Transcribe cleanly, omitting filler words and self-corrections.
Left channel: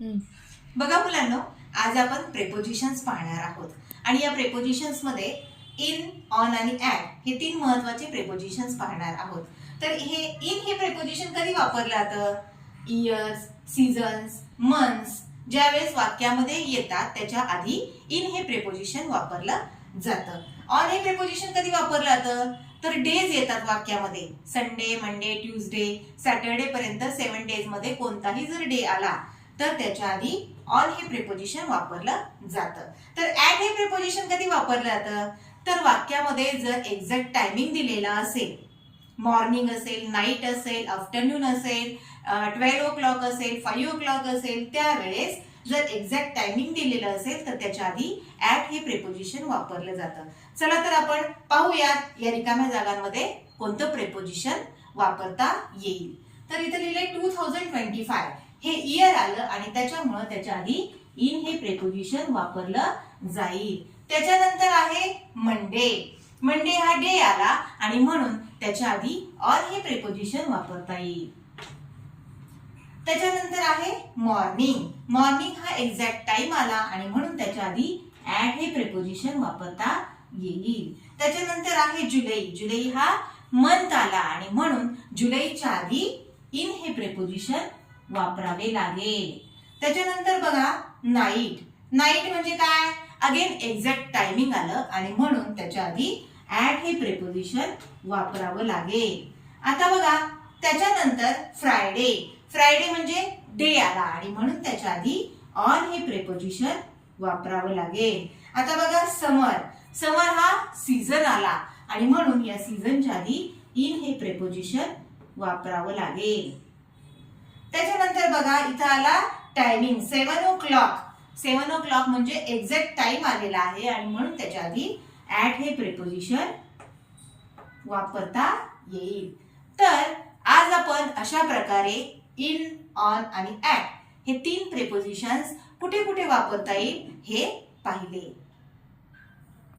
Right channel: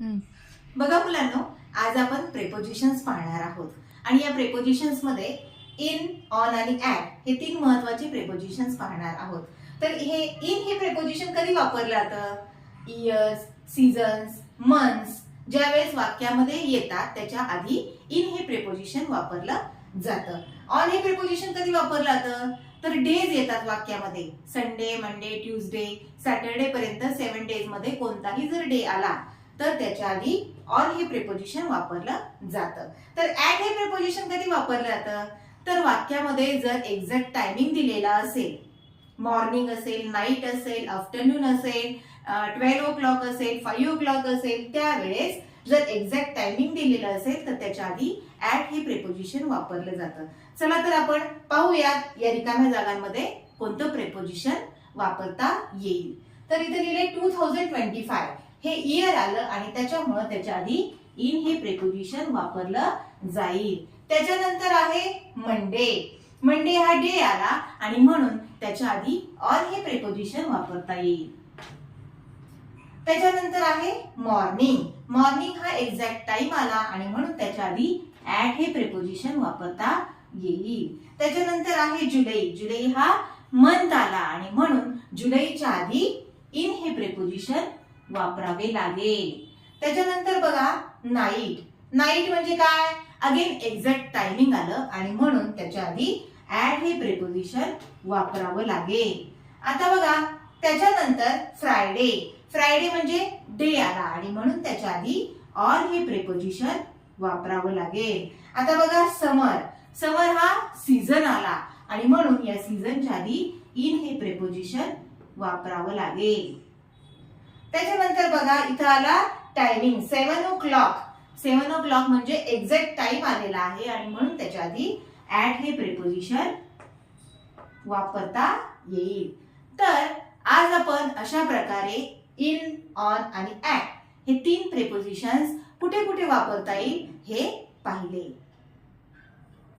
बघा मुलांनो, आज आपण प्रेपोजिशन्स पाहणार आहोत आणि या प्रेपोजिशन्स मध्ये इन, ऑन आणि ऍट हे तीन महत्त्वाचे प्रेपोजिशन्स पाहणार आहोत. तर हे प्रेपोजिशन कधी वापरलं जातं? इयर्स, सीझन्स, मंथ्स ज्यावेळेस वाक्यामध्ये येतात त्याच्या आधी इन हे प्रेपोजिशन वापरलं जातं. ऑन हे प्रेपोजिशन कधी वापरलं जातं? तर डेज येतात वाक्यामध्ये. संडे, मंडे, ट्यूजडे, सॅटरडे पर्यंत 7 डेज मध्ये कोणताही जर डे आला तर त्याच्या आधी ऑन हे प्रेपोजिशन वापरलं जातं. तर ऍट हे प्रेपोजिशन कधी वापरलं जातं? तर वाक्यामध्ये जर एक्झॅक्ट टायमिंग दिलेला असेल, मॉर्निंग असेल, नाईट असेल, आफ्टरनून असेल, 12 o'clock असेल, 5 o'clock असेल, त्यावेळेस जर एक्झॅक्ट टायमिंग दिलेलं असेल तर त्याच्या आधी ऍट हे प्रेपोजिशन वापरलं जातं. चला तर आपण पाहूयात या रिकाम्या जागांमध्ये कोणतं प्रेपोजिशन वापरता येईल. तर इथे लिहिले 2025 हे इयर आलं आणि त्याच्यामुळे त्याच्या आधी इन हे प्रेपोजिशन वापरलं जाईल. त्याच्यानंतर आहे मंडे. मंडे हा डे आला आणि म्हणून त्याच्या आधी ऑन हे प्रेपोजिशन वापरता येईल. त्याच्यानंतर आहे मॉर्निंग. मॉर्निंग हा एक्झॅक्ट टाइम आला आणि म्हणून त्याच्या आधी ऍट हे प्रेपोजिशन वापरता येईल. त्याच्यानंतर आहे जुलै. जुलै हा मंथ आला आणि म्हणून जुलैच्या आधी इन हे प्रेपोजिशन वापरावे लागेल. त्याच्यानंतर बघा नाईट. नाईट म्हणजे काय? अगेन एक्झॅक्ट टायमिंग आलं आणि म्हणून त्याच्या आधी ऍट हे प्रेपोजिशन वापरावं लागेल. आता बघा त्याच्यानंतर फ्रायडे. फ्रायडे म्हणजे डे आला आणि म्हणून त्याच्या आधी ऑन हे प्रेपोजिशन वापरावं लागेल. आता बघा समर. समर हा सीझन आला आणि म्हणून या सीझनच्या आधी इन हे प्रेपोजिशन वापरावं लागेल. त्याच्यानंतर बघा इथं आला टायमिंग 7 o'clock. 7 o'clock म्हणजे एक्झॅक्ट टाइम आलेला आहे आणि म्हणून त्याच्या आधी ऍट हे प्रेपोजिशन वापरता येईल. तर आज आपण अशा प्रकारे इन, ऑन आणि ऍट हे तीन प्रेपोजिशन्स कुठे कुठे वापरता येईल हे पाहिले.